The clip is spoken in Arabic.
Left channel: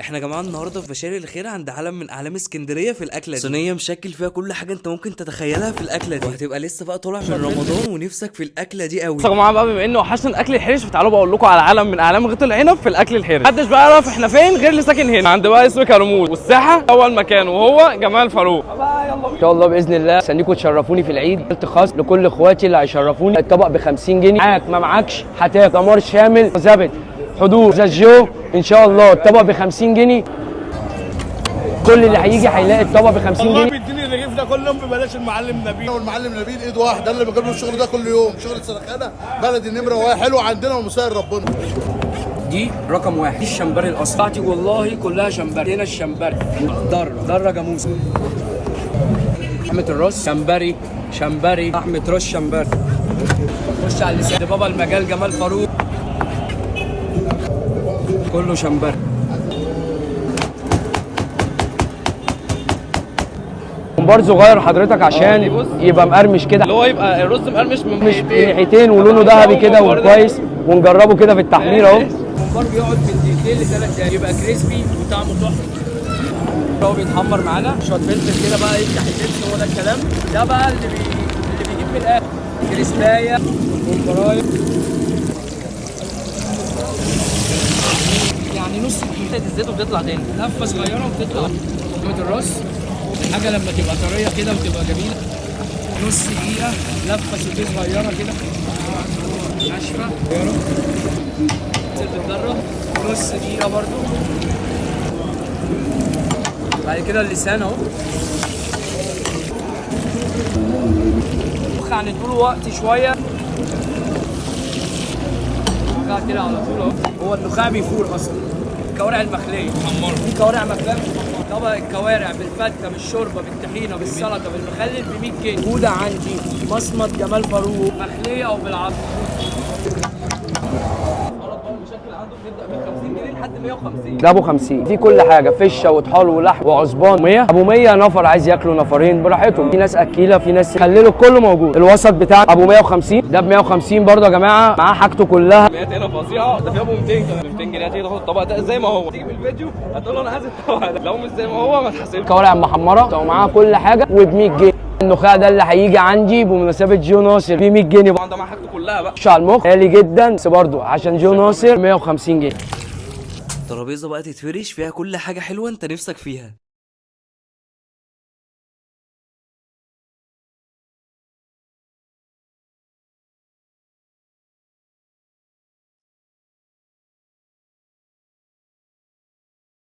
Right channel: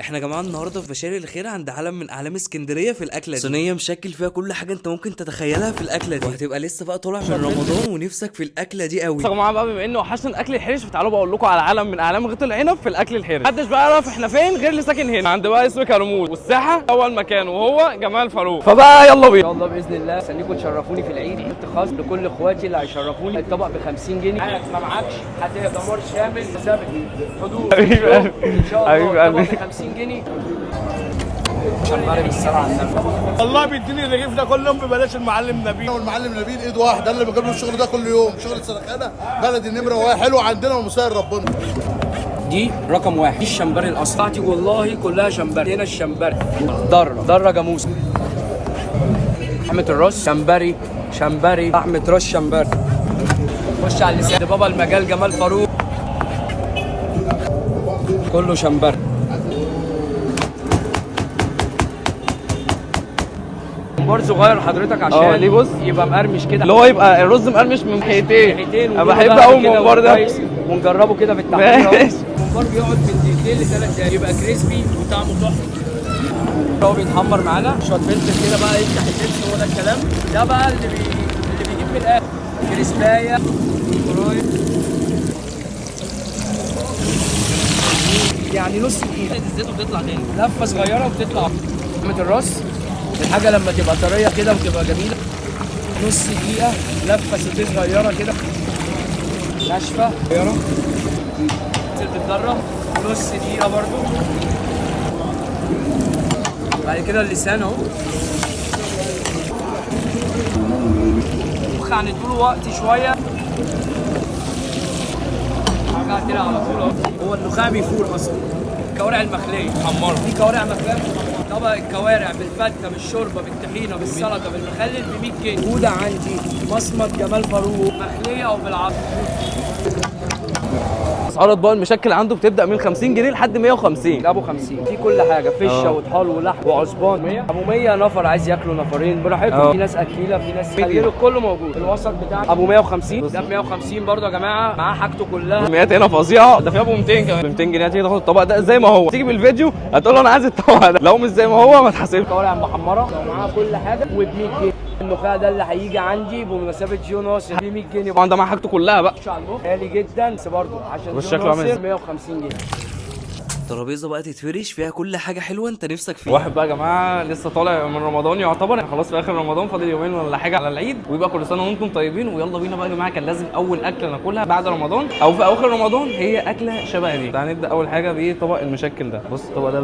احنا يا جماعه النهارده في بشاري الخير عند علم من اعلام اسكندريه في الاكله دي، صينيه مشكل فيها كل حاجه انت ممكن تتخيلها في الاكله دي، وهتبقى لسه بقى طالع من رمضان ونفسك في الاكله دي قوي. يا جماعه بقى بما انه وحشنا الاكل الحرش فتعالوا بقول لكم على علم من اعلام غيط العنب في الاكل الحرش. محدش بقى يعرف احنا فين غير اللي ساكن هنا عند بقى اسم كرموز، والساحه اول مكان وهو جمال فاروق. فبقى يلا بينا ان شاء الله باذن الله استنيكم تشرفوني في العيد. قلت خاص لكل اخواتي اللي هيشرفوني الطبق ب 50 جنيه، معاك ما معكش هتاكل دمار شامل زبد حضور الجو ان شاء الله. الطبق ب 50 جنيه، كل اللي هيجي هيلاقي الطبق ب 50 والله جنيه. بيديني الرغيف ده كل يوم ببلاش. المعلم نبيل والمعلم نبيل ايد واحد، ده اللي بجيب له الشغل ده كل يوم، شغل سرخانه بلدي نمره واحد حلو عندنا ومسهل ربنا. دي رقم واحد، دي الشمبري الاصلي بتاعتي والله كلها شمبري. هنا الشمبري ضره جاموس، لحمه الراس شمبري لحمه راس شمبري. خش على اللسان ده بابا المجال جمال فاروق كله شمبري. ممبار صغير حضرتك عشان بص. يبقى مقرمش كده، اللي هو يبقى الرز مقرمش من ريحتين أنا ولونه بحب ذهبي أوي كده الممبار ده. وكويس، ونجربه كده في التحمير اهو. ماشي. الممبار بيقعد من دقيقتين ل3 دقايق يبقى كريسبي وطعمه تحفه. هو بيتحمر معانا شويه فلفل كده بقى يفتح النفس، هو ده الكلام. ده بقى اللي بيجيب من الاخر كريسبايه وممبرايه، يعني نص الزيت وبتطلع تاني. لفه صغيره وبتطلع. لحمه الراس الحاجه لما تبقى طريه كده وتبقى جميله، نص دقيقه لفه سوتيه صغيره كده ناشفه صغيره، بتتدرب نص دقيقه برضو. بعد كده اللسان اهو هنديله وقت شويه. النخاع كده على طول اهو، هو النخاع بيفور اصلا. الكوارع المخليه محمره، في كوارع مخليه محمره. طبق الكوارع بالفته بالشوربه بالطحينه بالسلطه بالمخلل ب 100 جنيه. موجوده عندي مصمت جمال فاروق مخليه او بالعظم. اسعار اطباق المشكل عنده بتبدا من 50 جنيه لحد 150. ده ابو 50 في كل حاجه، فشه وطحال ولحم وعصبان. 100 ابو 100 نفر عايز ياكلوا نفرين براحتهم. في ناس اكيله، في ناس خليله كله موجود. الوسط بتاع ابو 150 ده ب 150 برضه يا جماعه، معاه حاجته كلها. كميات هنا فظيعه. ده في ابو 200 كمان. ب 200 جنيه هتيجي تاخد الطبق ده زي ما هو، تيجي بالفيديو هتقول له انا عايز الطبق ده، لو مش زي ما هو ما تحاسبش. كوارع محمره ومعاها كل حاجه وب 100 جنيه. النخاع ده اللي هيجي عندي بمثابه جو ناصر ب 100 جنيه. طبعا ده معاه حاجته كلها بقى. خش على المخ غالي جدا بس برضه عشان جو والشكل ناصر عامل 150 جنيه. الترابيزه بقى تتفرش فيها كل حاجه حلوه انت نفسك فيها. واحد بقى يا جماعه لسه طالع من رمضان يعتبر، يعني خلاص في اخر رمضان، فاضل يومين ولا حاجه على العيد، ويبقى كل سنه وانتم طيبين. ويلا بينا بقى يا جماعه، كان لازم اول اكله ناكلها بعد رمضان او في اواخر رمضان هي اكله شبه دي. هنبدا اول حاجه بطبق المشكل ده. بص الطبق ده